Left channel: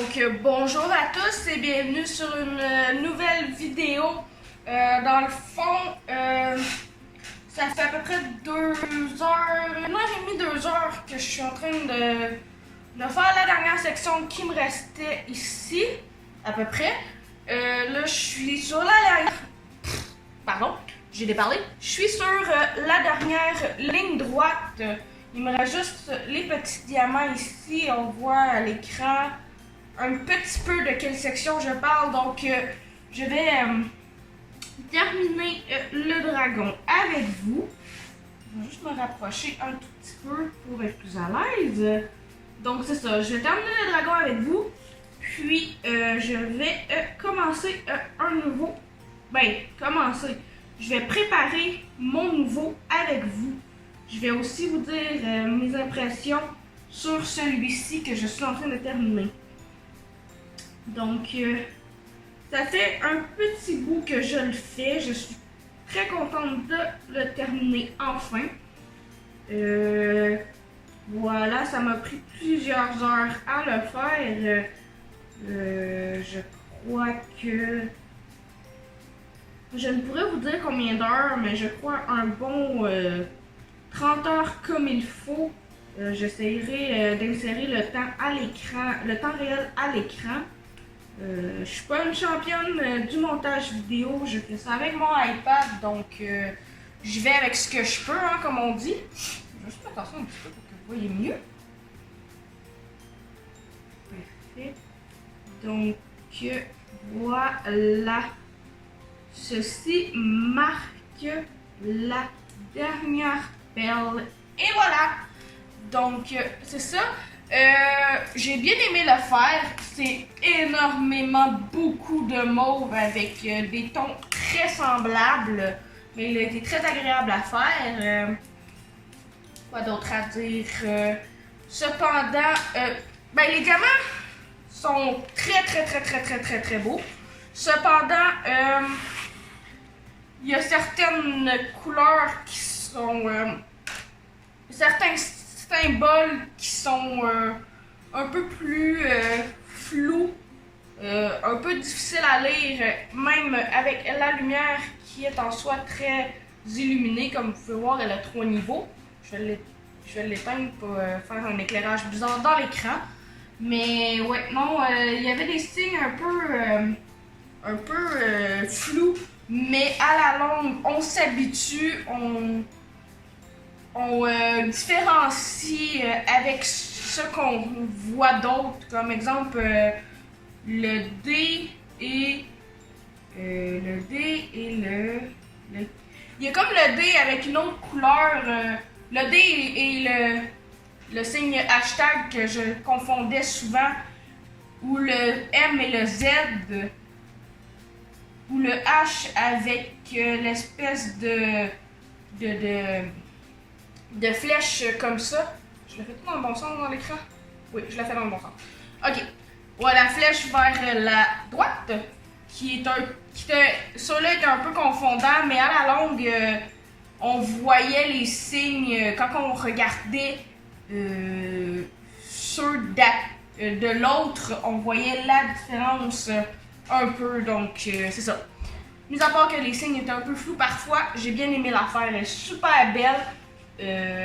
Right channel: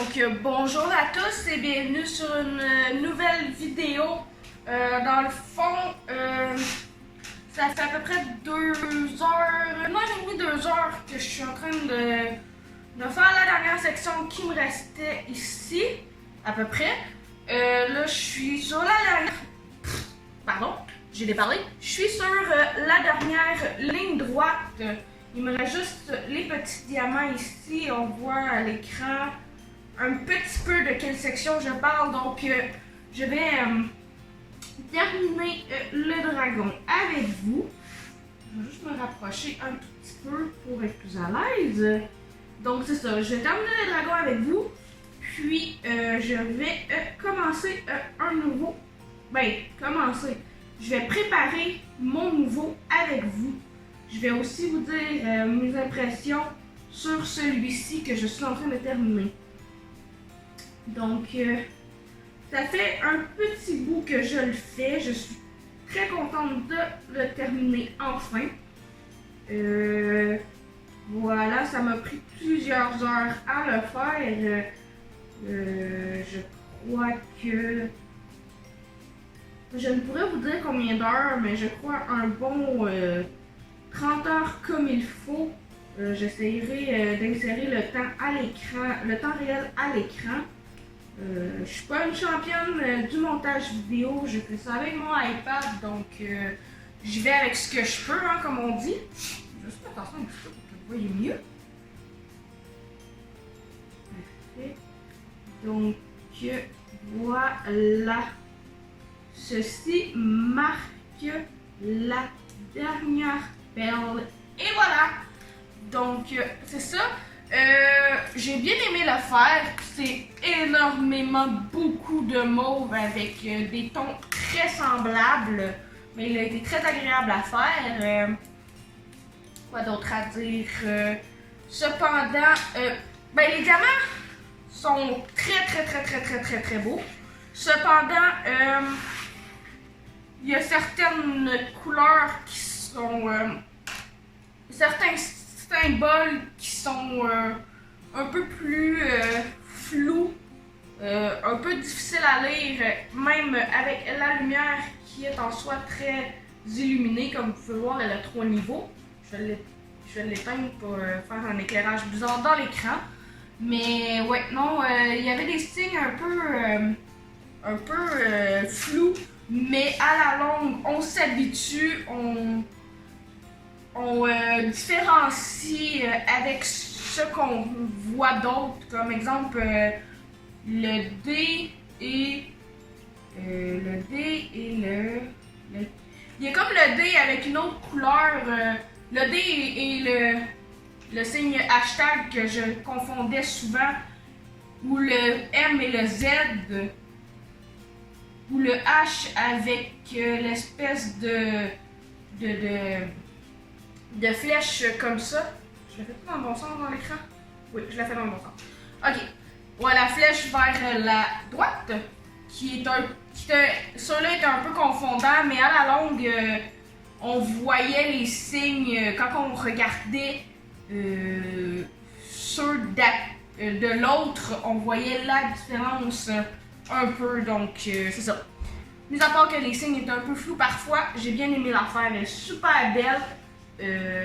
Donc bonjour à tous et bienvenue sur une nouvelle vidéo. Dans le fond, ça fait à peu près 2 heures, 1h30, 2 heures que je suis en train de faire la dernière section qui me restait ici, à peu près. Là, je suis sur la dernière... Pardon, j'ai déparlé. Je suis sur la dernière ligne droite. Il me reste juste les petits diamants ici. On voit à l'écran un petit peu de quelle section je parle. Donc, je vais terminer le dragon avec vous. Je vais juste me rapprocher un tout petit peu pour être plus à l'aise. Donc, c'est ça. Je vais terminer le dragon avec vous. Puis, je vais commencer un nouveau... commencer. Je vais préparer mon nouveau avec vous. Je vais aussi vous dire mes impressions sur celui-ci que je suis en train de terminer. Donc, ça fait un petit bout que je le fais. Je suis très contente de le terminer enfin. Voilà, ça m'a pris plusieurs heures à le faire. Je crois que... Je ne pourrais vous dire combien d'heures, mais je crois un bon 30 heures comme il faut. J'essaierai d'insérer le temps à l'écran, le temps réel à l'écran. Je suis pas une championne du montage vidéo, je fais ça avec mon iPad, donc je vais avec ce que je peux, hein, comme on dit. Je vais juste faire ça un petit peu pour que vous voyez mieux. Parfait. Donc voilà. Ceci marque la dernière perle. Et voilà! Donc, c'est ça. J'ai bien aimé le faire. C'est énormément beaucoup de mauve avec des tons très semblables. Mais il a été très agréable à faire. Quoi d'autre à dire? Cependant, les diamants sont très beaux. Cependant, il y a certaines couleurs qui sont... certains symboles qui sont un peu plus flous, un peu difficiles à lire, même avec la lumière qui est en soi très illuminée. Comme vous pouvez voir, elle a 3 niveaux. Je vais l'éteindre pour faire un éclairage bizarre dans l'écran. Mais ouais, non, il y avait des signes un peu flous. Mais à la longue, on s'habitue, on différencie avec ce qu'on voit d'autre. Comme exemple, le D et le... Il y a comme le D avec une autre couleur. Le D et le signe hashtag que je confondais souvent. Ou le M et le Z. Ou le H avec l'espèce de flèche comme ça. Je l'ai fait tout dans le bon sens dans l'écran? Oui, je l'ai fait dans le bon sens. Ok. Ouais, la flèche vers la droite, celui-là était un peu confondant, mais à la longue, on voyait les signes quand on regardait ceux de l'autre, on voyait la différence un peu, donc c'est ça. Mis à part que les signes étaient un peu flous parfois, j'ai bien aimé l'affaire, elle est super belle.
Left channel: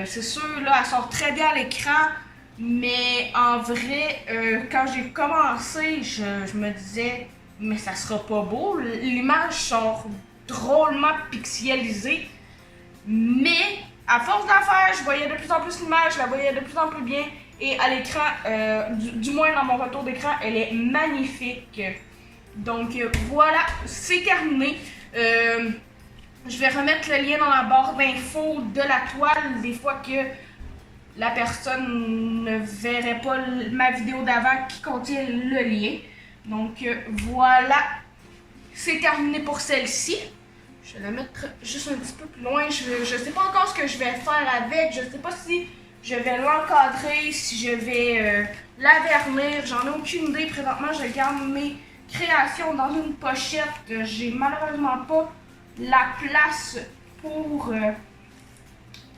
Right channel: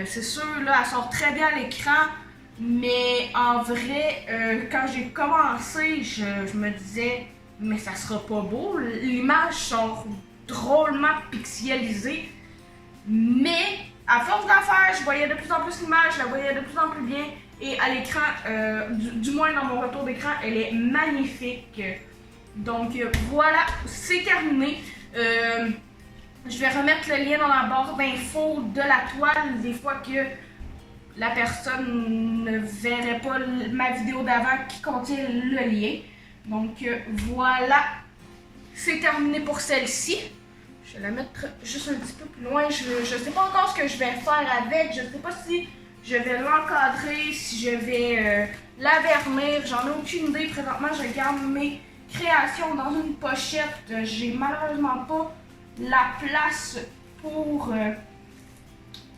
C'est sûr, là, elle sort très bien à l'écran, mais en vrai, quand j'ai commencé, je me disais, mais ça sera pas beau. L'image sort drôlement pixelisée, mais à force d'en faire, je voyais de plus en plus l'image, je la voyais de plus en plus bien, et à l'écran, du moins dans mon retour d'écran, elle est magnifique. Donc voilà, c'est terminé. Je vais remettre le lien dans la barre d'infos de la toile des fois que la personne ne verrait pas ma vidéo d'avant qui contient le lien. Donc voilà, c'est terminé pour celle-ci. Je vais la mettre juste un petit peu plus loin. Je sais pas encore ce que je vais faire avec. Je sais pas si je vais l'encadrer, si je vais la vernir. J'en ai aucune idée. Présentement, je garde mes créations dans une pochette. J'ai malheureusement pas la place pour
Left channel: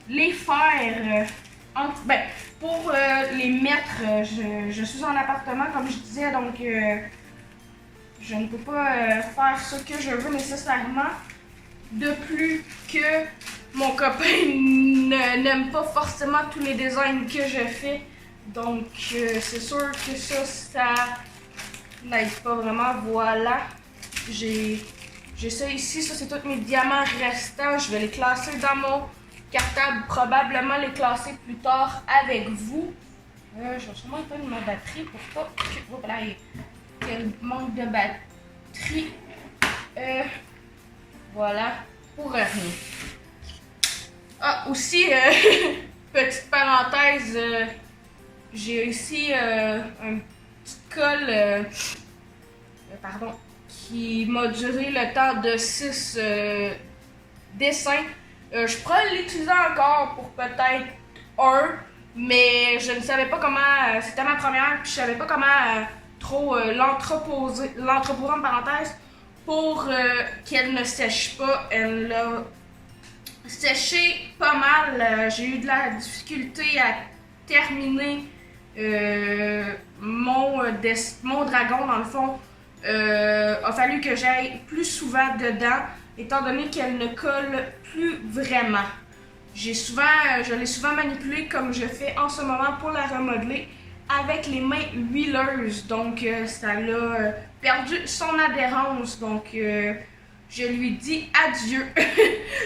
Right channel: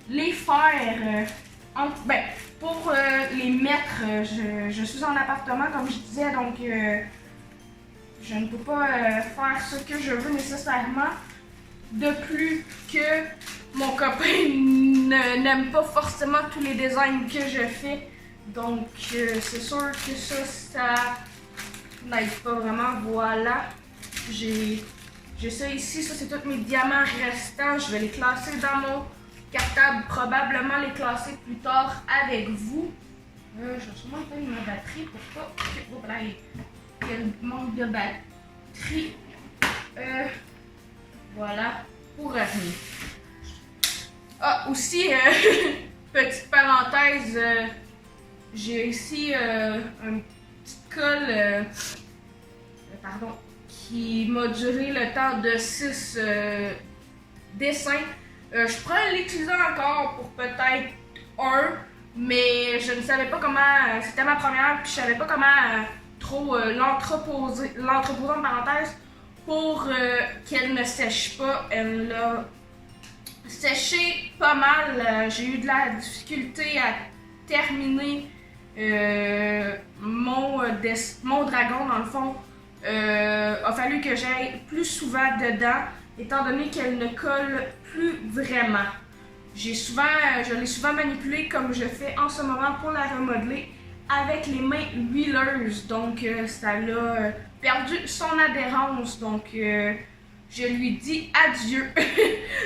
les faire. Pour les mettre, je suis en appartement, comme je disais, donc je ne peux pas faire ce que je veux nécessairement. De plus que mon copain n'aime pas forcément tous les designs que je fais. Donc c'est sûr que ça n'aide pas vraiment. Voilà. J'ai ça ici. Ça, c'est tous mes diamants restants. Je vais les classer dans mon cartable. Probablement les classer plus tard avec vous. Je vais sûrement éteindre ma batterie pour pas qu'elle manque de batterie. Voilà, pour rien. Ah, aussi, petite parenthèse, j'ai ici un petit col, pardon, qui m'a duré le temps de 6 dessins. Je pourrais l'utiliser encore pour peut-être un, mais je ne savais pas comment, c'était ma première, puis je savais pas comment trop l'entreposer en parenthèse, pour qu'elle ne sèche pas. Elle a séché pas mal. J'ai eu de la difficulté à terminer mon dragon, dans le fond. A fallu que j'aille plus souvent dedans, étant donné qu'elle ne colle plus vraiment. Je l'ai souvent manipulée comme je fais en ce moment pour la remodeler avec les mains huileuses. Donc ça l'a perdu son adhérence. Donc je lui dis adieu.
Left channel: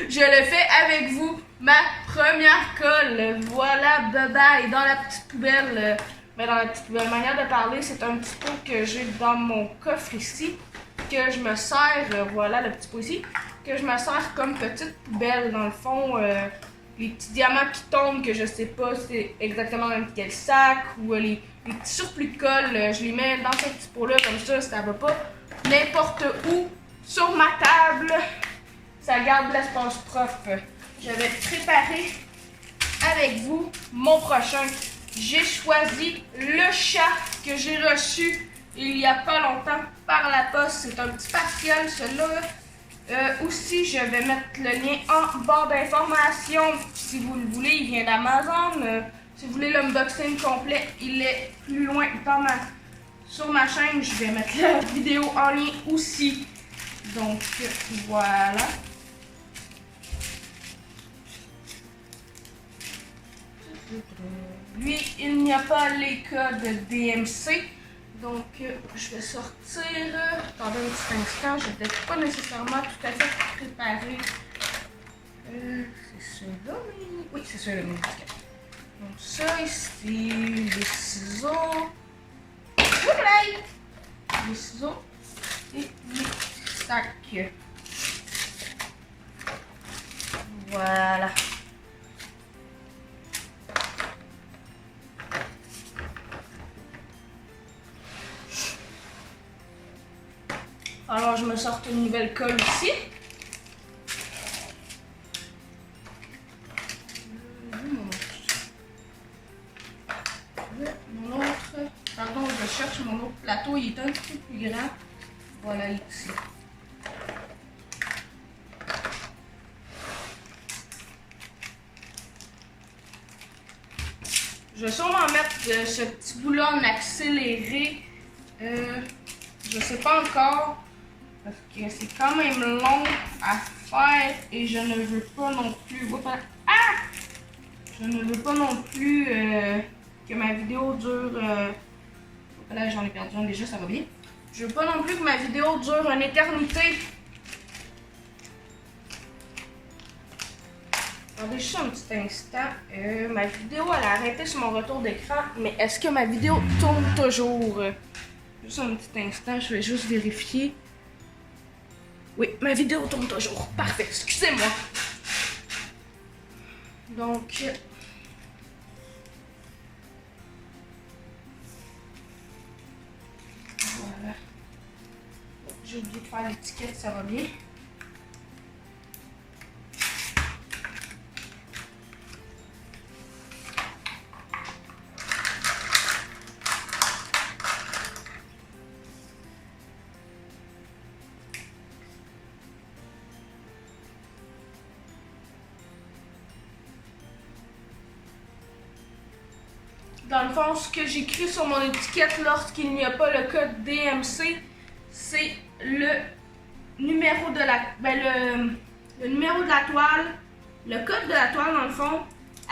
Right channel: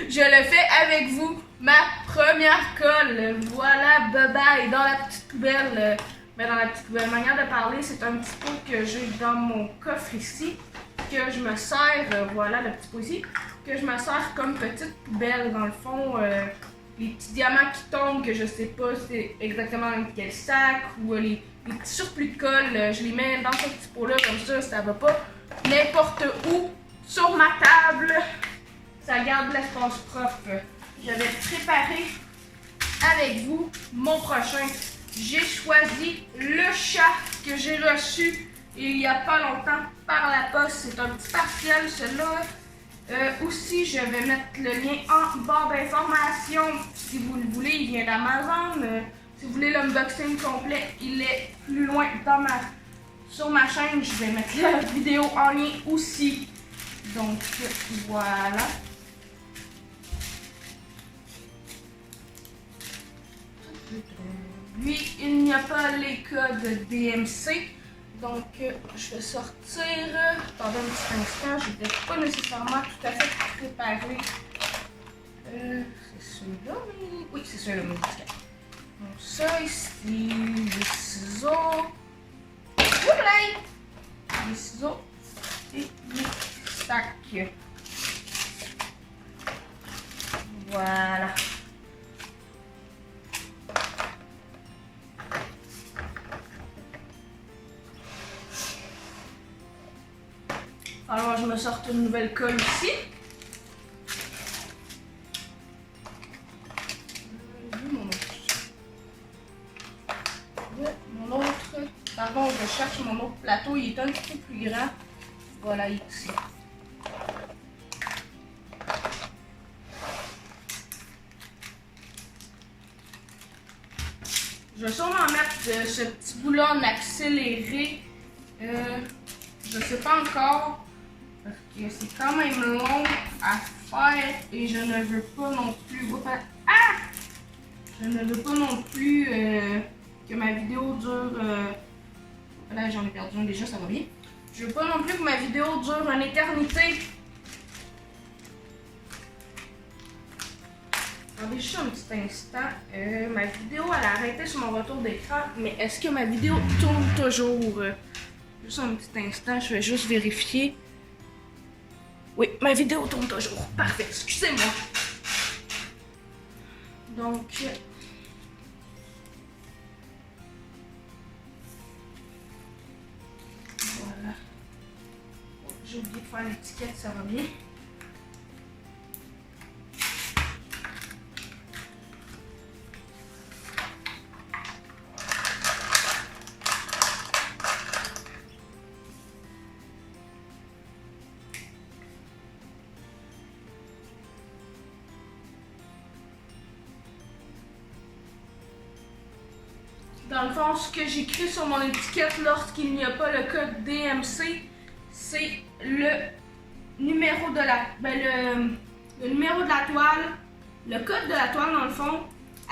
Je le fais avec vous. Ma première colle. Voilà, bye bye. Dans la petite poubelle. Mais dans la petite poubelle, manière de parler, c'est un petit pot que j'ai dans mon coffre ici. Que je me sers, voilà le petit pot ici. Que je me sers comme petite poubelle. Dans le fond, les petits diamants qui tombent, que je sais pas c'est exactement dans quel sac, ou les petits surplus de colle, je les mets dans ce petit pot-là, comme ça va pas n'importe où sur ma table. Ça garde l'espace propre. Je vais préparer avec vous mon prochain. J'ai choisi le chat que j'ai reçu il y a pas longtemps par la poste. C'est un petit partiel, celui-là. Aussi, je vais mettre le lien en barre d'information si vous le voulez. Il vient d'Amazon. Si vous voulez l'unboxing complet, il est plus loin sur ma chaîne. Je vais mettre la vidéo en lien aussi. Donc, voilà. Lui, il n'y a pas les codes DMC. Donc, je vais sortir. Attendez un petit instant, je n'étais pas nécessairement tout à fait préparée. C'est celui-là, oui, c'est celui-là, mais donc, ça ici, les ciseaux. Les ciseaux et les sacs. Voilà. Alors, je me sors une nouvelle colle ici. Mon autre. Pardon, je cherche mon autre plateau. Il est un petit peu plus grand. Voilà, ici. Je vais sûrement mettre ce petit bout-là en accéléré. Je sais pas encore. Parce que c'est quand même long à faire et je ne veux pas non plus. Je ne veux pas non plus que ma vidéo dure. Là, j'en ai perdu un déjà, ça va bien. Je veux pas non plus que ma vidéo dure une éternité. Attendez juste un petit instant. Ma vidéo, elle a arrêté sur mon retour d'écran. Mais est-ce que ma vidéo tourne toujours? Juste un petit instant, je vais juste vérifier. Oui, ma vidéo tourne toujours. Parfait, excusez-moi. Donc, voilà. J'ai oublié de faire l'étiquette, ça va bien. dans le fond, ce que j'écris sur mon étiquette lorsqu'il n'y a pas le code DMC, c'est le numéro de la... le numéro de la toile, le code de la toile dans le fond,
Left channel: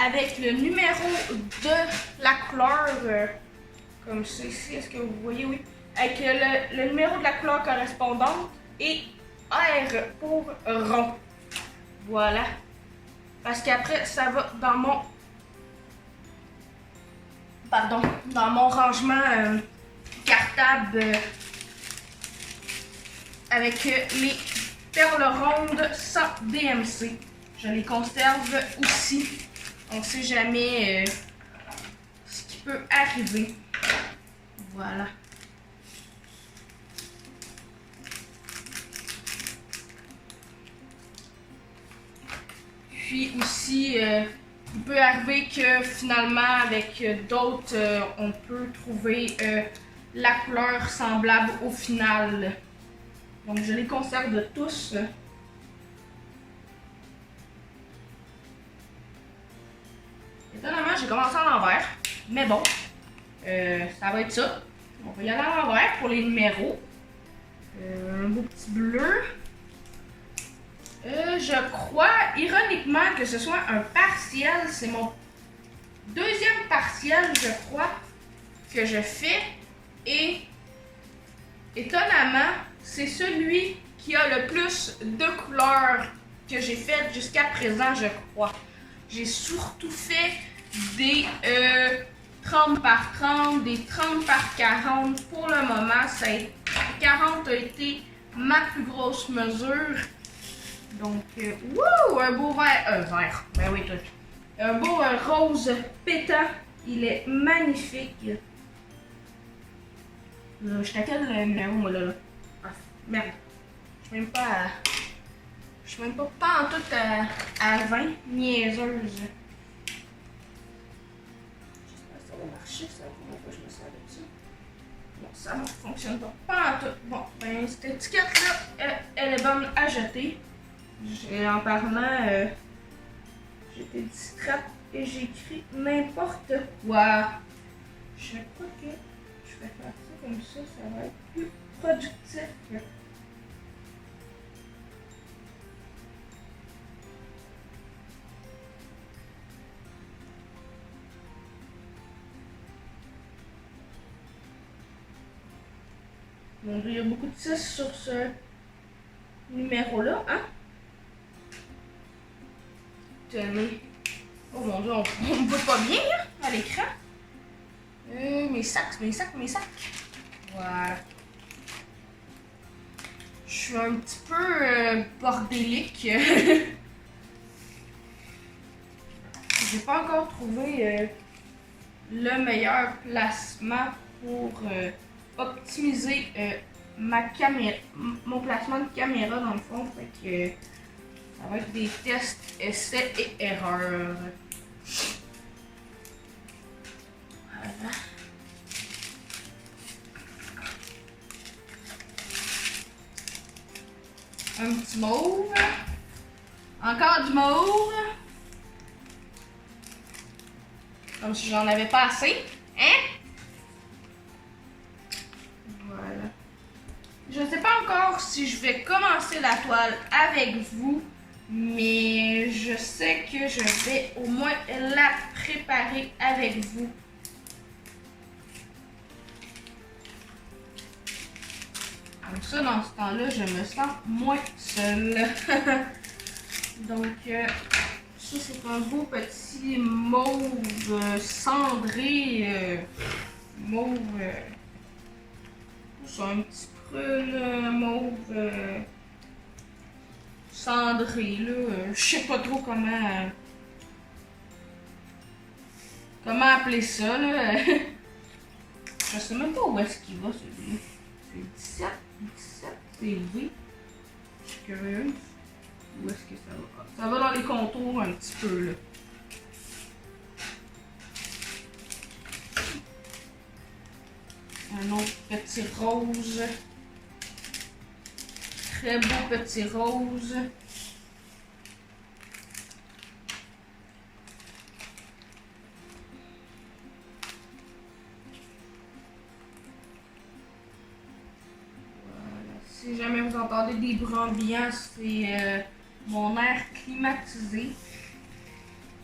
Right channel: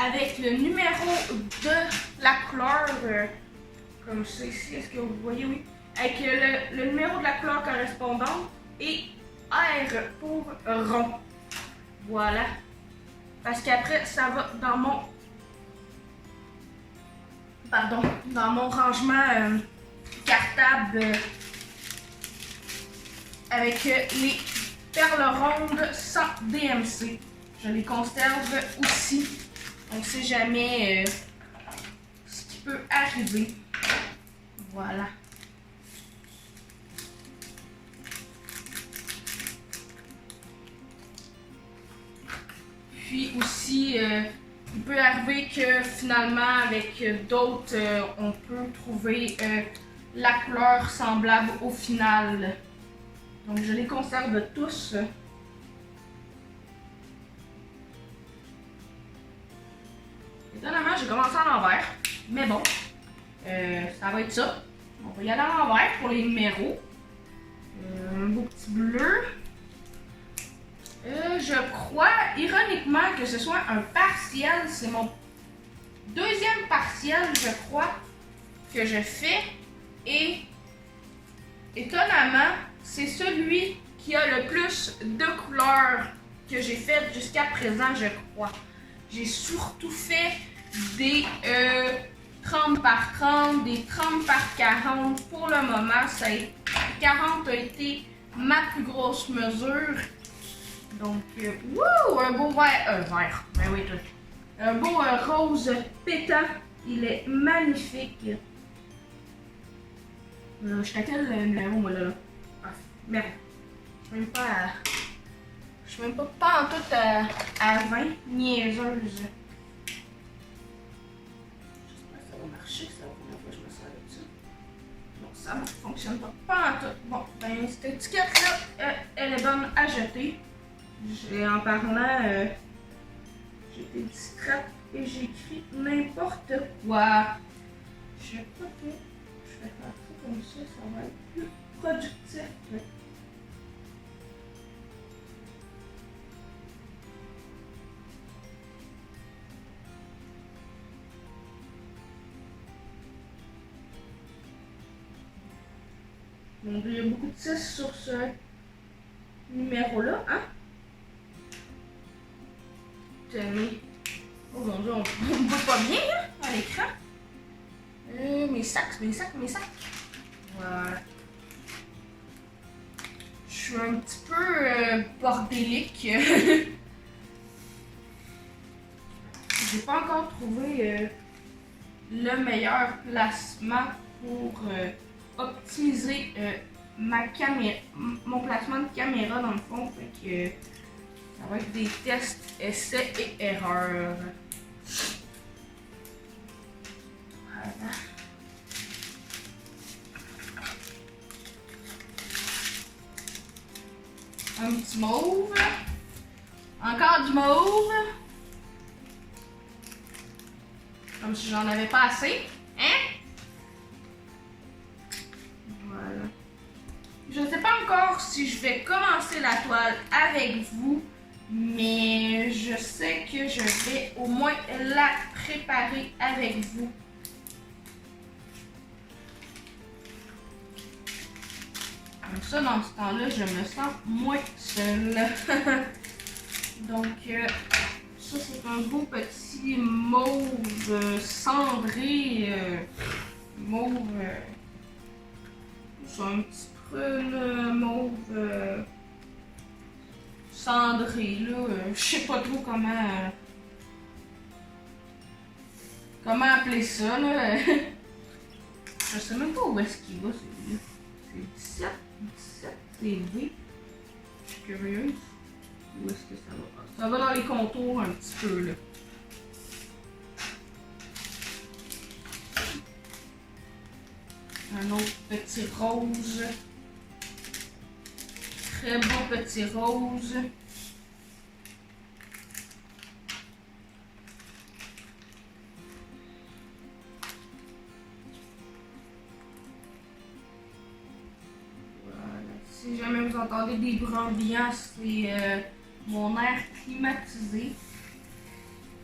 avec le numéro de la couleur, comme ça ici, est-ce que vous voyez? Oui. Avec le numéro de la couleur correspondante et R pour rond. Voilà. Parce qu'après, ça va dans mon... Pardon, dans mon rangement cartable avec les perles rondes sans DMC. Je les conserve aussi. On ne sait jamais ce qui peut arriver. Voilà. Puis aussi, il peut arriver que finalement, avec d'autres, on peut trouver la couleur semblable au final. Donc, je les conserve tous. Étonnamment, j'ai commencé à l'envers. Mais bon, ça va être ça. On va y aller à l'envers pour les numéros. Un beau petit bleu. Je crois, ironiquement, que ce soit un partiel. C'est mon deuxième partiel, je crois, que je fais. Et étonnamment, c'est celui qui a le plus de couleurs que j'ai fait jusqu'à présent, je crois. J'ai surtout fait des 30 par 30, des 30 par 40. Pour le moment, 40 a été ma plus grosse mesure. Donc, wouh, un beau vert, ben oui, tout. Un beau rose pétant. Il est magnifique. Je suis à quel numéro, moi, là? Ah, merde. Je suis même pas en tout à 20, niaiseuse. J'espère que ça va marcher, c'est la première fois que je me sers de ça. Non, ça ne fonctionne pas en tout. Bon, ben, cette étiquette-là, elle est bonne à jeter. En parlant, j'étais distraite et j'ai écrit n'importe quoi. Je crois que je vais faire ça comme ça va être plus productif. Mon Dieu, il y a beaucoup de 6 sur ce numéro-là, hein? Tenez. Oh mon Dieu, on me voit pas bien hein, à l'écran. Mes sacs. Voilà. Je suis un petit peu bordélique. J'ai pas encore trouvé le meilleur placement pour optimiser mon placement de caméra dans le fond. Fait que ça va être des tests, essais et erreurs. Voilà. Un petit mauve. Encore du mauve. Comme si j'en avais pas assez. Hein? Voilà. Je ne sais pas encore si je vais commencer la toile avec vous. Mais je sais que je vais au moins la préparer avec vous. Comme ça, dans ce temps-là, je me sens moins seule. Donc, ça, c'est un beau petit mauve cendré. Mauve. C'est un petit prune mauve. Cendré, là, je sais pas trop comment appeler ça, là. Je sais même pas où est-ce qu'il va, celui-là. C'est 17, c'est V. Je suis curieuse. Où est-ce que ça va? Ça va dans les contours un petit peu, là. Un autre petit rose. Très beau petit rose. Si jamais vous entendez des bruits ambiants, c'est mon air climatisé.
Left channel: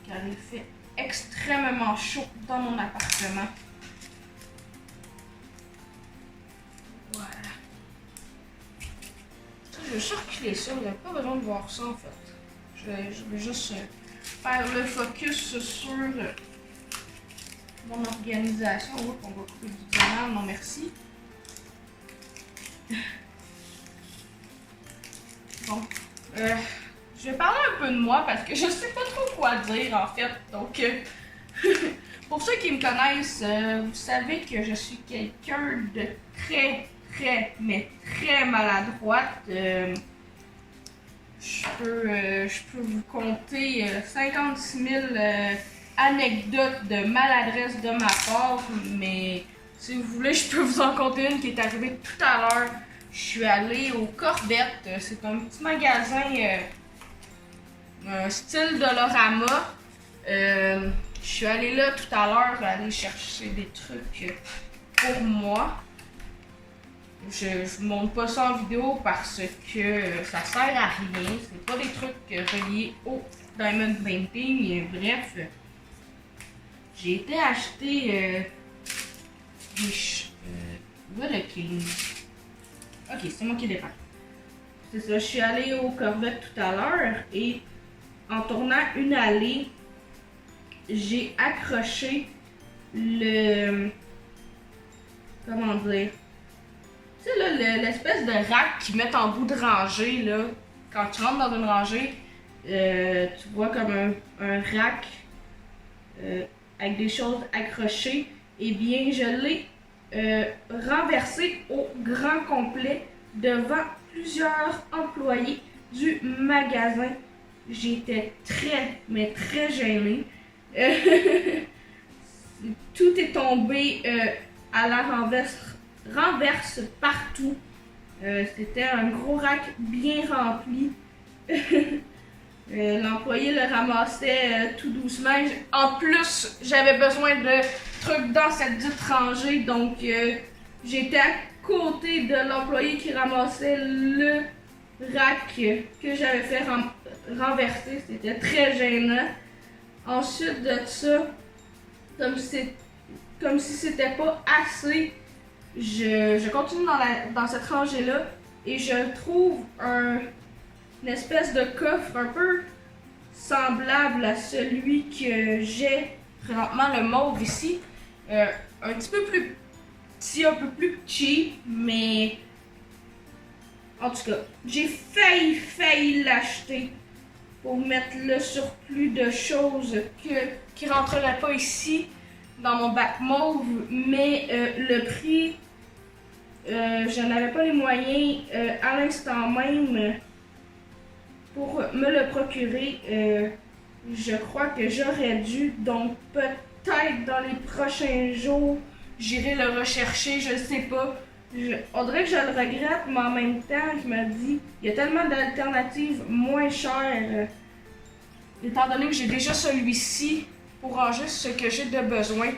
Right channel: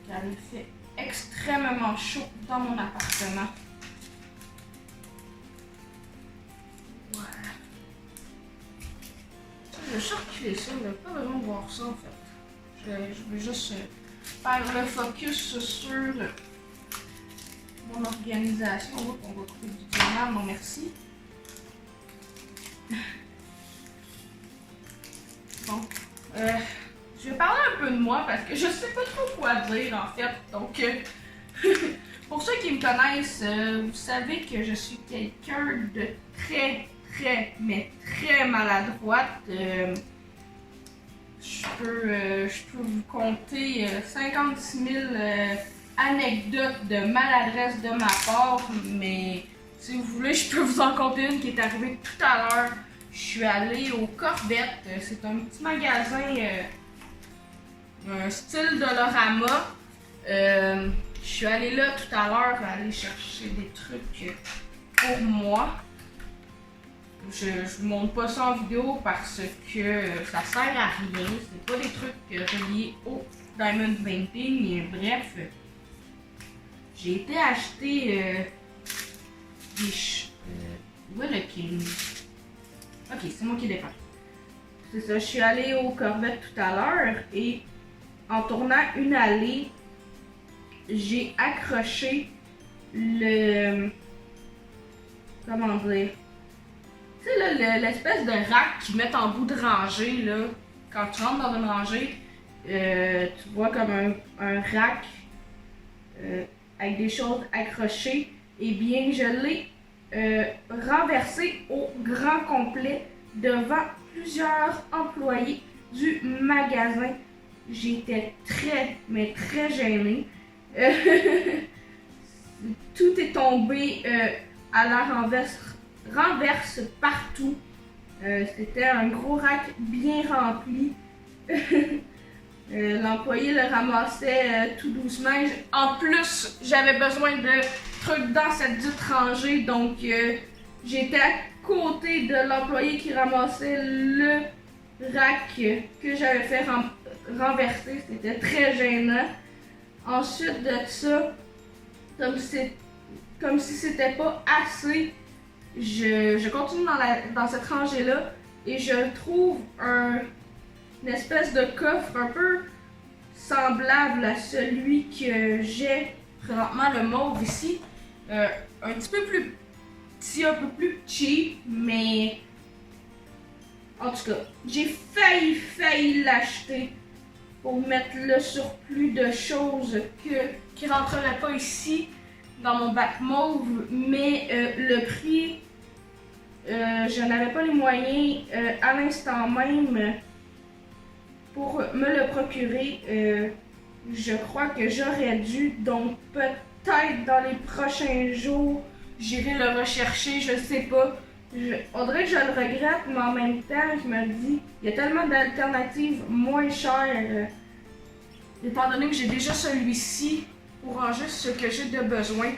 Car il fait extrêmement chaud dans mon appartement. Voilà. Je vais circuler ça, vous n'avez pas besoin de voir ça en fait. Je vais juste faire le focus sur mon organisation. On va couper du diamant, non merci. Bon, je vais parler un peu de moi parce que je sais pas trop quoi dire en fait. Donc, pour ceux qui me connaissent, vous savez que je suis quelqu'un de mais très maladroite. Je peux vous compter 56 000 anecdotes de maladresse de ma part, mais si vous voulez, je peux vous en compter une qui est arrivée tout à l'heure. Je suis allée au Corvette, c'est un petit magasin style Dollarama. Je suis allée là tout à l'heure aller chercher des trucs pour moi. Je vous montre pas ça en vidéo parce que ça sert à rien. C'est pas des trucs reliés au diamond painting. Bref, j'ai été acheter des où est le king? Ok, c'est moi qui dépanne. C'est ça, je suis allée au Corvette tout à l'heure et en tournant une allée, j'ai accroché le... Comment dire? Tu sais, là, l'espèce de rack qu'ils mettent en bout de rangée, là. Quand tu rentres dans une rangée, tu vois comme un rack avec des choses accrochées. Eh bien, je l'ai renversé au grand complet devant plusieurs employés du magasin. J'étais mais très gênée. Tout est tombé à la renverse partout. C'était un gros rack bien rempli. L'employé le ramassait tout doucement. En plus, j'avais besoin de trucs dans cette dite rangée, donc j'étais à côté de l'employé qui ramassait le rack que j'avais fait renverser. C'était très gênant. Ensuite de ça, comme si c'était pas assez, je continue dans cette rangée-là et je trouve une espèce de coffre un peu semblable à celui que j'ai présentement, le mauve ici. Un petit peu plus petit, un peu plus cheap, mais en tout cas, j'ai failli l'acheter pour mettre le surplus de choses qui rentreraient pas ici dans mon bac mauve, mais le prix, je n'avais pas les moyens à l'instant même pour me le procurer. Je crois que j'aurais dû, donc peut-être dans les prochains jours, j'irai le rechercher, je sais pas. On dirait que je le regrette, mais en même temps, je me dis, il y a tellement d'alternatives moins chères, étant donné que j'ai déjà celui-ci pour ranger ce que j'ai de besoin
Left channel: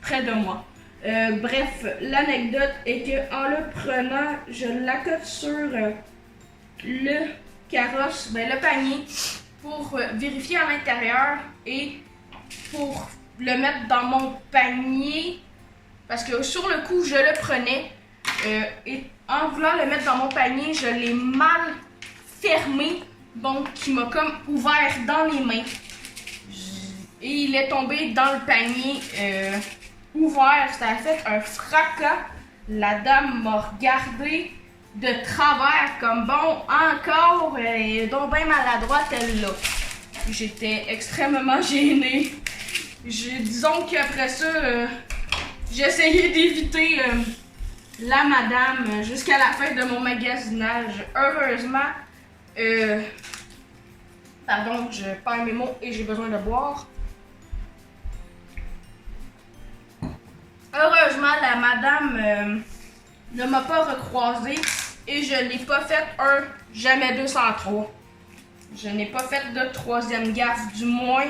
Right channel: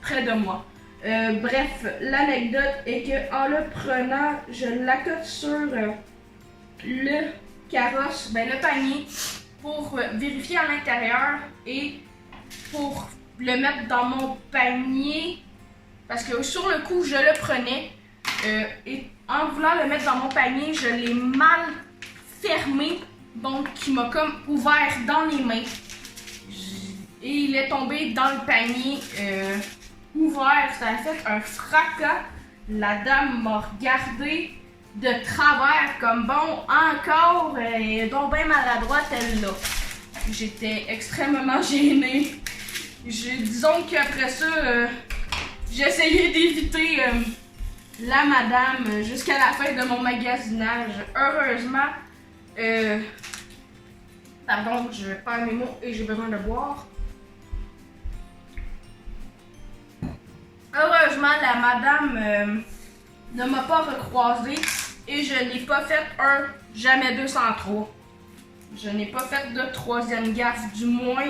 près de moi. Bref, l'anecdote est que en le prenant, je l'accote sur le carrosse, le panier, pour vérifier à l'intérieur et pour le mettre dans mon panier. Parce que sur le coup, je le prenais et en voulant le mettre dans mon panier, je l'ai mal fermé. Donc, il m'a comme ouvert dans les mains. Et il est tombé dans le panier ouvert. Ça a fait un fracas. La dame m'a regardé de travers comme bon, encore, donc bien maladroite elle là. J'étais extrêmement gênée. Disons qu'après ça, j'ai essayé d'éviter la madame jusqu'à la fin de mon magasinage. Heureusement, pardon, je perds mes mots et j'ai besoin de boire. Heureusement, la madame ne m'a pas recroisé et je n'ai pas fait un jamais 203. Je n'ai pas fait de troisième gaffe, du moins,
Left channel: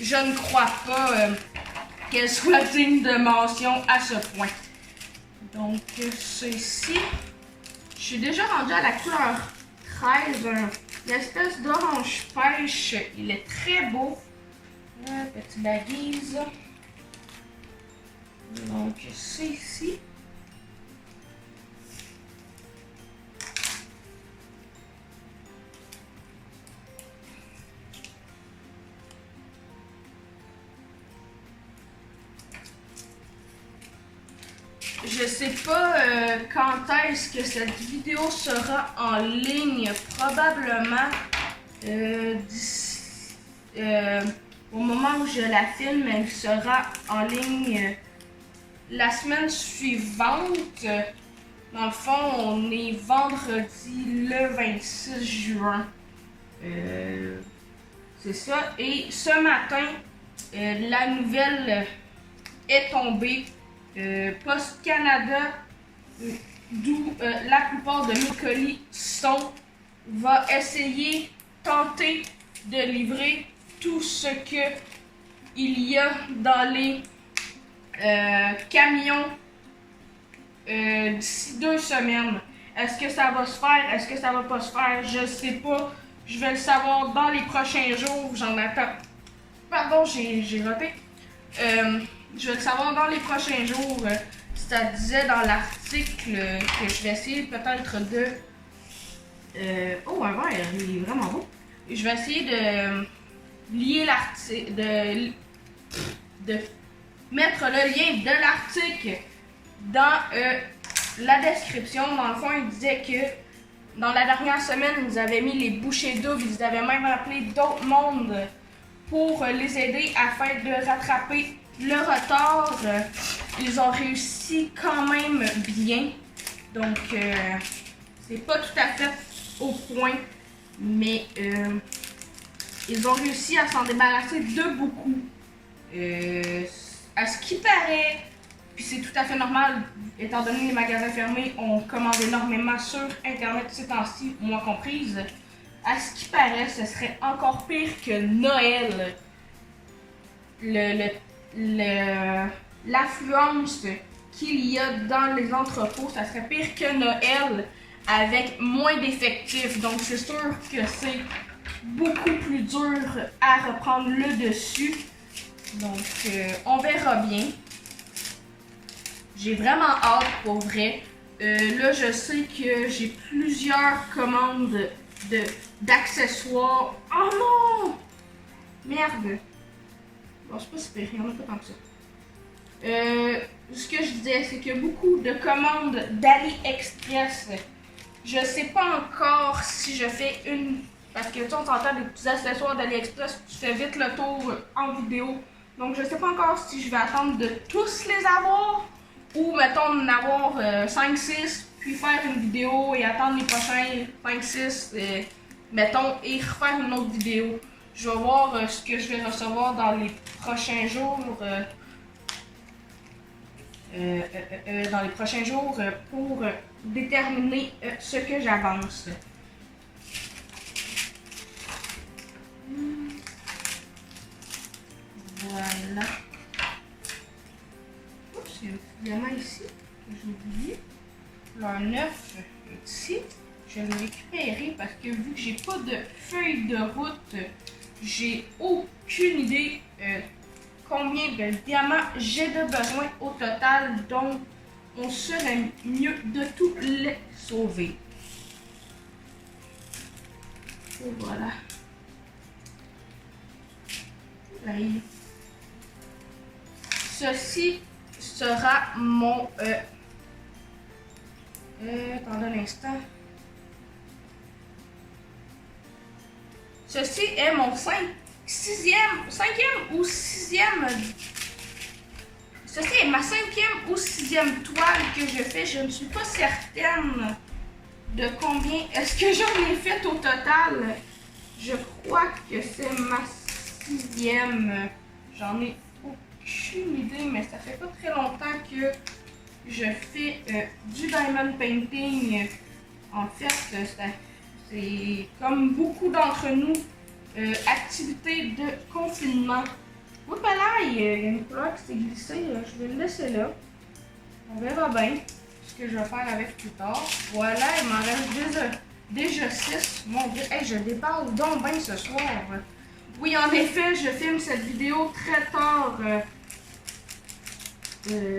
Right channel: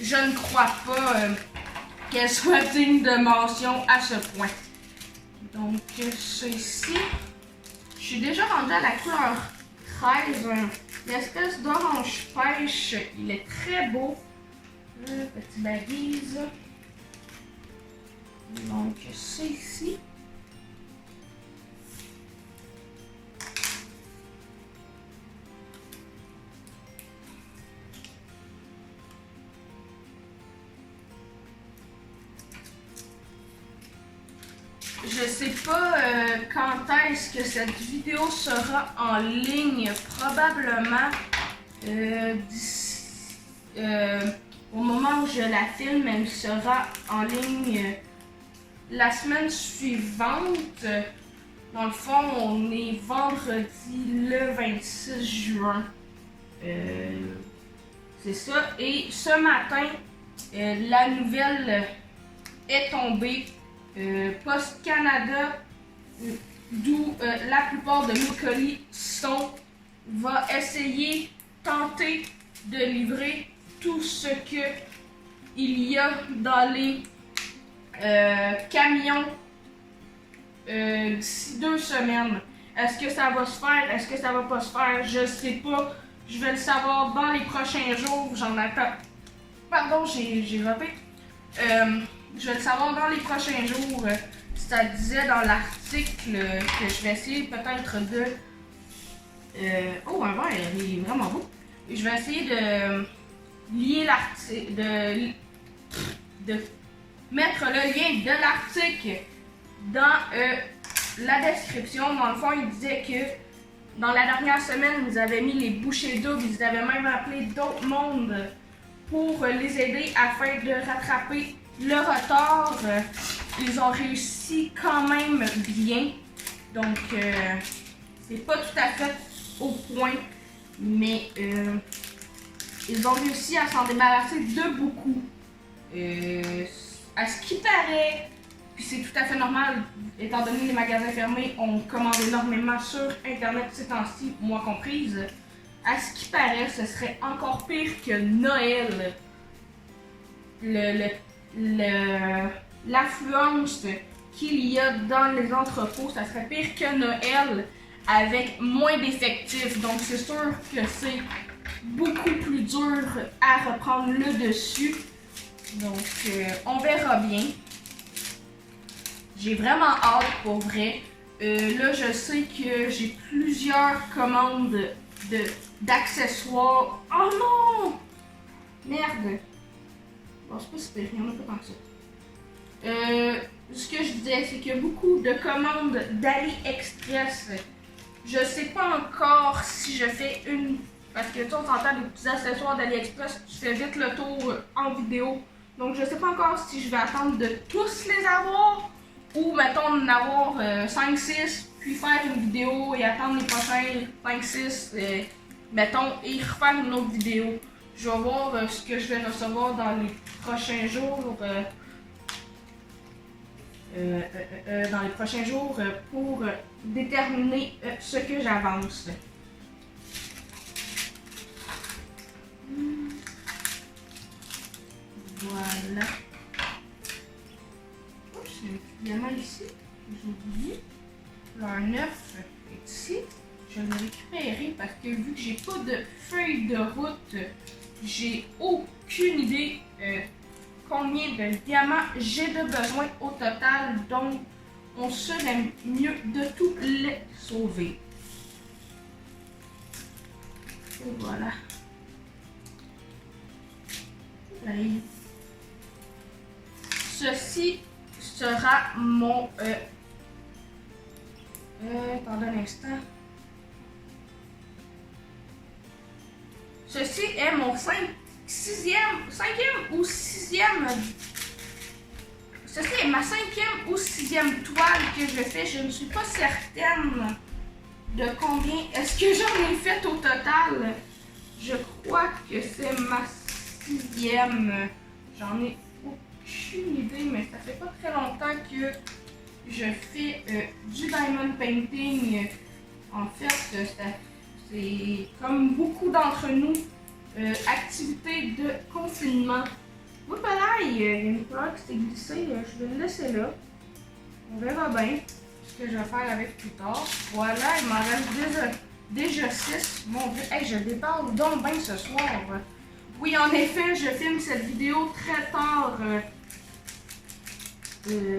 je ne crois pas qu'elle soit digne de mention à ce point. Donc, ceci, Je suis déjà rendue à la couleur 13, une espèce d'orange pêche. Il est très beau. Petite baguise. Donc, c'est ici. Je sais pas quand est-ce que cette vidéo sera en ligne. Probablement au moment où je la filme, elle sera en ligne la semaine suivante. Dans le fond, on est vendredi le 26 juin. C'est ça. Et ce matin, la nouvelle est tombée. Post Canada, d'où la plupart de mes colis sont, va tenter de livrer tout ce que il y a dans les camions d'ici 2 semaines. Est-ce que ça va se faire? Est-ce que ça va pas se faire? Je sais pas. Je vais le savoir dans les prochains jours. J'en attends. Pardon, j'ai raté. Je vais le savoir dans les prochains jours. Ça disait dans l'article que je vais essayer peut-être de... Oh, un verre, il est vraiment beau. Je vais essayer de lier l'article, de mettre le lien de l'article dans la description. Dans le fond, il disait que dans la dernière semaine, ils avaient mis les bouchées doubles. Ils avaient même appelé d'autres mondes pour les aider afin de rattraper le retard. Ils ont réussi quand même bien. Donc, c'est pas tout à fait au point, mais ils ont réussi à s'en débarrasser de beaucoup. À ce qui paraît, puis c'est tout à fait normal, étant donné que les magasins fermés, on commande énormément sur Internet ces temps-ci, moi comprise. À ce qui paraît, ce serait encore pire que Noël. L'affluence qu'il y a dans les entrepôts, ça serait pire que Noël avec moins d'effectifs. Donc c'est sûr que c'est beaucoup plus dur à reprendre le dessus. Donc on verra bien. J'ai vraiment hâte pour vrai. Là je sais que j'ai plusieurs commandes d'accessoires. Oh non! Merde! Bon, c'est pas super, il y en a pas tant que ça. Ce que je disais, c'est qu'il y a beaucoup de commandes d'AliExpress. Je sais pas encore si je fais une... Parce que tu entends des petits accessoires d'AliExpress, tu fais vite le tour en vidéo. Donc je sais pas encore si je vais attendre de tous les avoir ou mettons d'en avoir 5-6 puis faire une vidéo et attendre les prochains 5-6 mettons et refaire une autre vidéo. Je vais voir ce que je vais recevoir dans les prochains jours. Pour déterminer ce que j'avance. Voilà. Oups, il y a un petit diamant ici que j'ai oublié. Couleur 9 est ici. Je vais le récupérer parce que vu que j'ai pas de feuille de route, j'ai aucune idée combien de diamants j'ai de besoin au total. Donc, on serait mieux de tous les sauver. Et voilà. J'arrive. Ceci sera mon... attendez un instant. Ceci est mon 5e ou 6e. Ceci est ma 5e ou 6e toile que je fais. Je ne suis pas certaine de combien est-ce que j'en ai fait au total. Je crois que c'est ma 6e. J'en ai aucune idée, mais ça fait pas très longtemps que je fais du diamond painting. En fait, c'est comme beaucoup d'entre nous, activité de confinement. Oups là, il y a une couleur qui s'est glissée, je vais le laisser là. On verra bien ce que je vais faire avec plus tard. Voilà, il m'en reste déjà 6. Mon Dieu, hey, je dépasse donc bien ce soir. Oui, en effet, je filme cette vidéo très tard.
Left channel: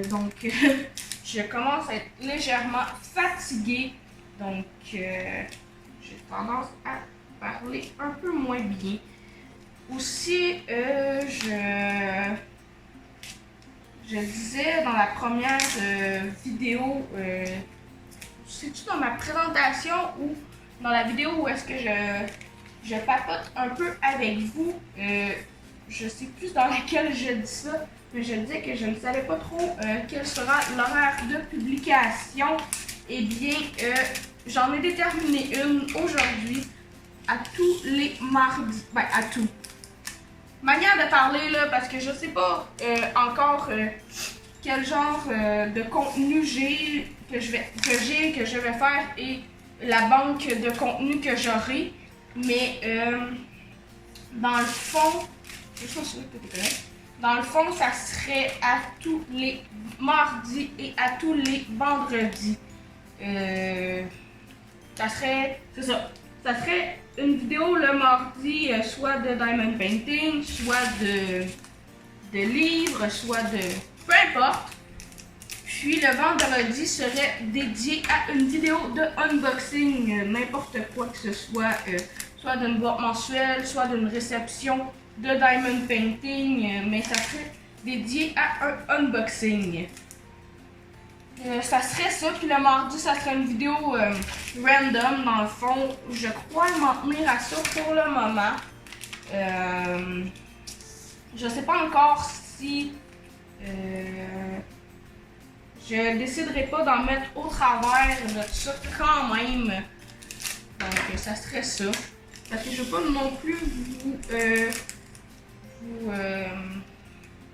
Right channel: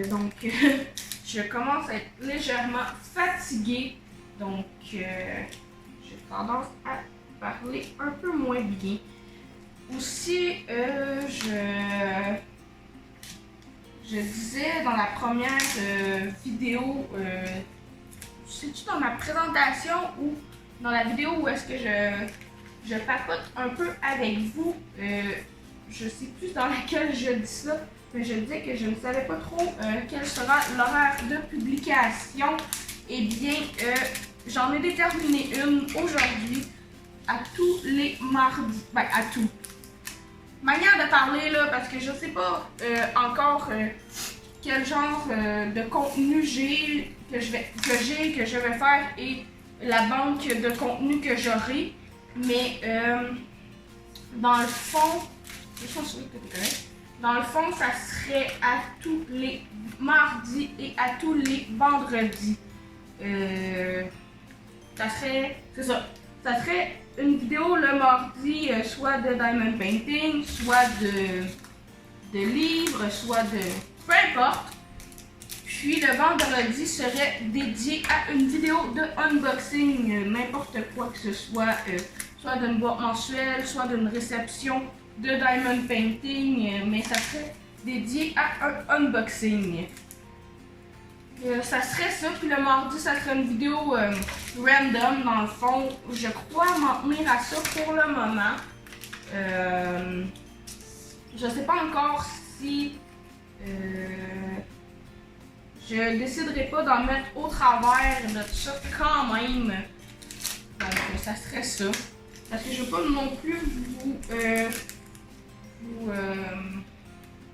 Donc, je commence à être légèrement fatiguée. Donc, j'ai tendance à parler un peu moins bien. Aussi, je disais dans la première vidéo, c'est-tu dans ma présentation ou dans la vidéo où est-ce que je papote un peu avec vous, je sais plus dans laquelle je dis ça, mais je disais que je ne savais pas trop quel sera l'horaire de publication. Eh bien, j'en ai déterminé une aujourd'hui à tous les mardis. Ben, à tout. Manière de parler là, parce que je sais pas encore quel genre de contenu que je vais faire et la banque de contenu que j'aurai. Mais dans le fond, ça serait à tous les mardis et à tous les vendredis. Ça serait une vidéo le mardi, soit de diamond painting, soit de livres, soit de peu importe. Puis le vendredi serait dédié à une vidéo de unboxing, n'importe quoi que ce soit, soit d'une boîte mensuelle, soit d'une réception de diamond painting, mais ça serait dédié à un unboxing. Ça serait ça, puis le mardi, ça serait une vidéo random, dans le fond. Je crois m'en tenir à ça pour le moment. Je sais pas encore si je déciderai pas d'en mettre au travers de ça quand même. Donc, ça serait ça. Parce que je veux pas non plus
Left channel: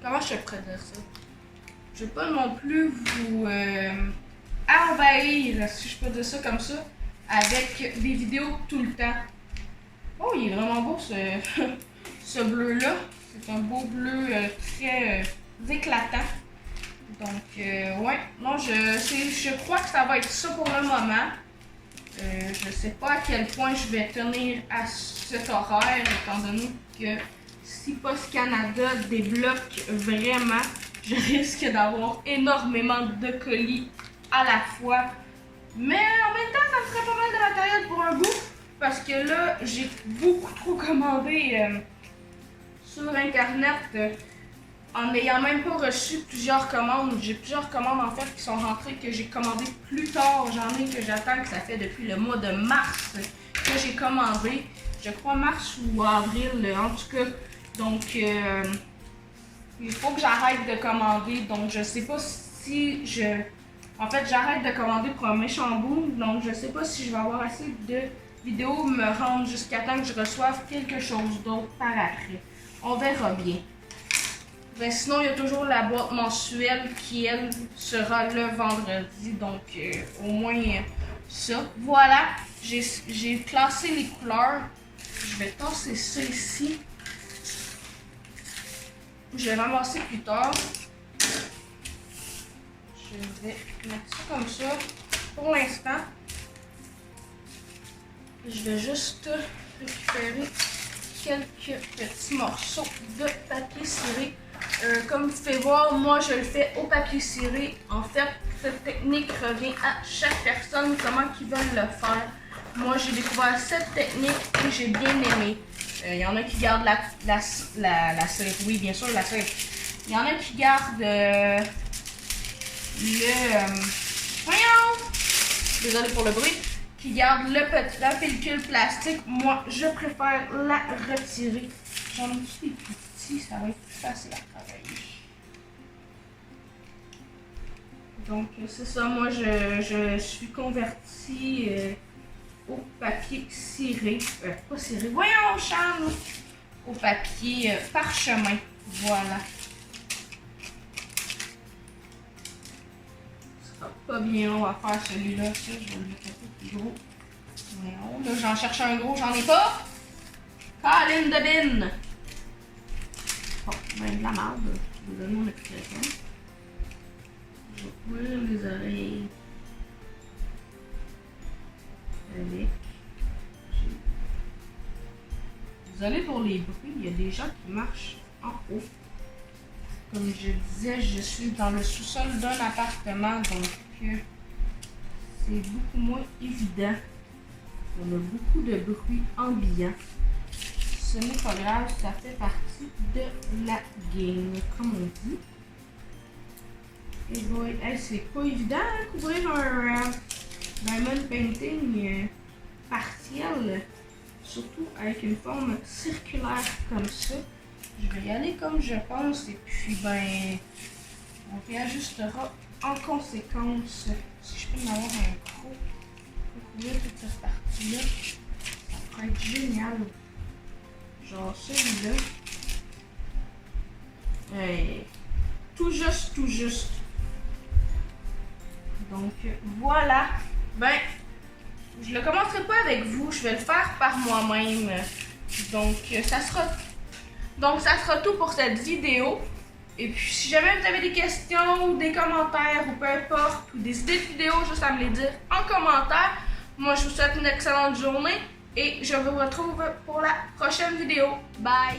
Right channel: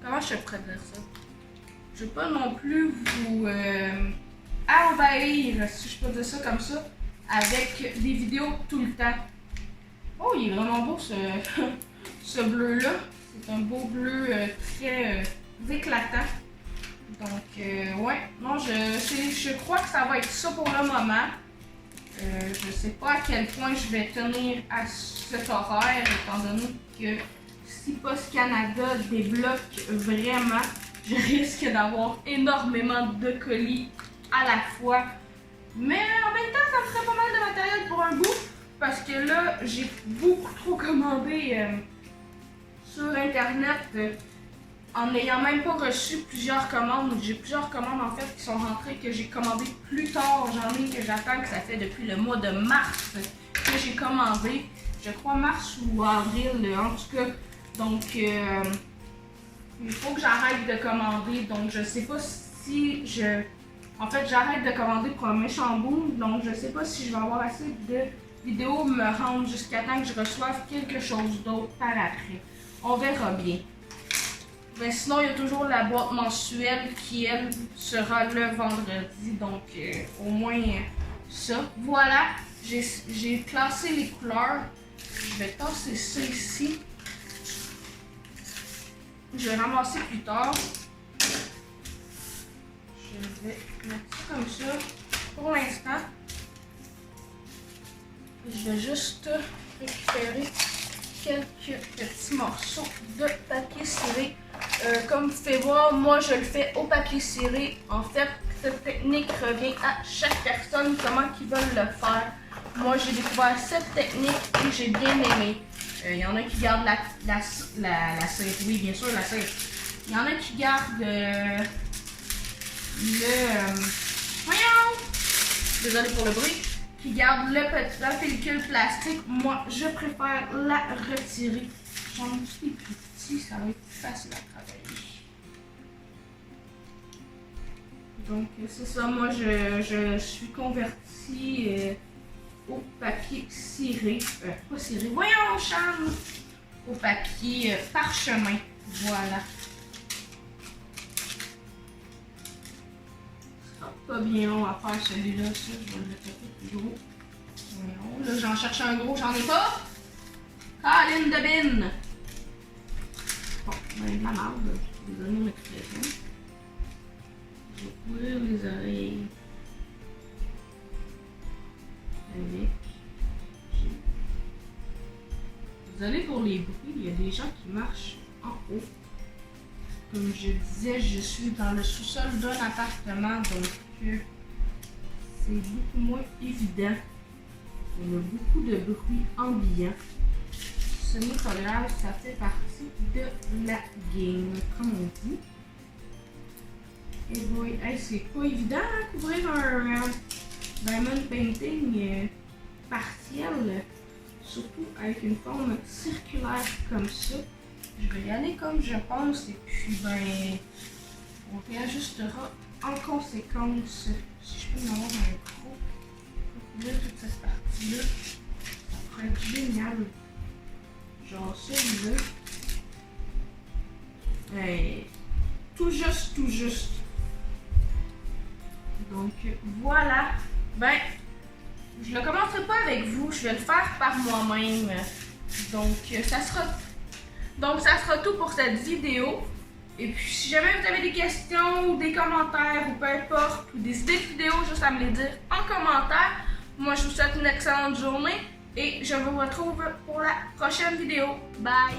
comment je pourrais dire ça? Je veux pas non plus vous envahir, si je peux dire ça comme ça, avec des vidéos tout le temps. Oh, il est vraiment beau ce bleu-là. C'est un beau bleu très éclatant. Donc, ouais, non, je crois que ça va être ça pour le moment. Je sais pas à quel point je vais tenir à cet horaire, étant donné que si Post Canada débloque vraiment, je risque d'avoir énormément de colis à la fois. Mais en même temps, ça me ferait pas mal de matériel pour un bout. Parce que là, j'ai beaucoup trop commandé sur Internet. En n'ayant même pas reçu plusieurs commandes. J'ai plusieurs commandes en fait qui sont rentrées que j'ai commandées plus tard. J'en ai que j'attends, que ça fait depuis le mois de mars que j'ai commandé. Je crois mars ou avril en tout cas. Donc, il faut que j'arrête de commander. Donc, je sais pas si en fait, j'arrête de commander pour un méchant boom. Donc, je sais pas si je vais avoir assez de vidéos me rendre jusqu'à temps que je reçoive quelque chose d'autre par après. On verra bien. Ben, sinon, il y a toujours la boîte mensuelle qui, elle, sera le vendredi. Donc, au moins ça. Voilà, j'ai classé les couleurs. Je vais tasser ça ici. Je vais ramasser plus tard. Je vais mettre ça comme ça. Pour l'instant, je vais juste récupérer quelques petits morceaux de papier ciré. Comme vous pouvez voir, moi je le fais au papier ciré. En fait, cette technique revient à chaque personne, comment ils veulent le faire. Moi j'ai découvert cette technique et j'ai bien aimé. Il y en a qui gardent la cire. Oui, bien sûr, la cire. Il y en a qui gardent voyons! Désolé pour le bruit. Qui gardent la pellicule plastique. Moi, je préfère la retirer. J'en ai aussi des plus petits, ça va être plus facile à travailler. Donc, c'est ça. Moi, je suis convertie au papier ciré. Pas ciré. Voyons, Charles! Au papier parchemin. Voilà. Pas bien long à faire celui-là, ça, je vais le mettre un peu plus gros. Voyons, là j'en cherche un gros, j'en ai pas. Caline de bin! Bon, ben de la marde, je vais donner mon expression. Je vais couvrir les oreilles. avec. Désolée pour les bruits, il y a des gens qui marchent en haut. Comme je disais, je suis dans le sous-sol d'un appartement, donc c'est beaucoup moins évident. On a beaucoup de bruit ambiant. Ce n'est pas grave, ça fait partie de la game, comme on dit. Et boy, hey, c'est pas évident de couvrir un diamond painting partiel, surtout avec une forme circulaire comme ça. Je vais y aller comme je pense et puis ben on réajustera en conséquence. Si je peux en avoir un gros pour couvrir toute cette partie-là, ça pourrait être génial. Genre celui-là. Tout juste, tout juste. Donc voilà. Ben, je le commencerai pas avec vous, je vais le faire par moi-même. Donc ça sera tout pour cette vidéo. Et puis si jamais vous avez des questions ou des commentaires ou peu importe, ou des idées de vidéos, juste à me les dire en commentaire. Moi je vous souhaite une excellente journée et je vous retrouve pour la prochaine vidéo. Bye!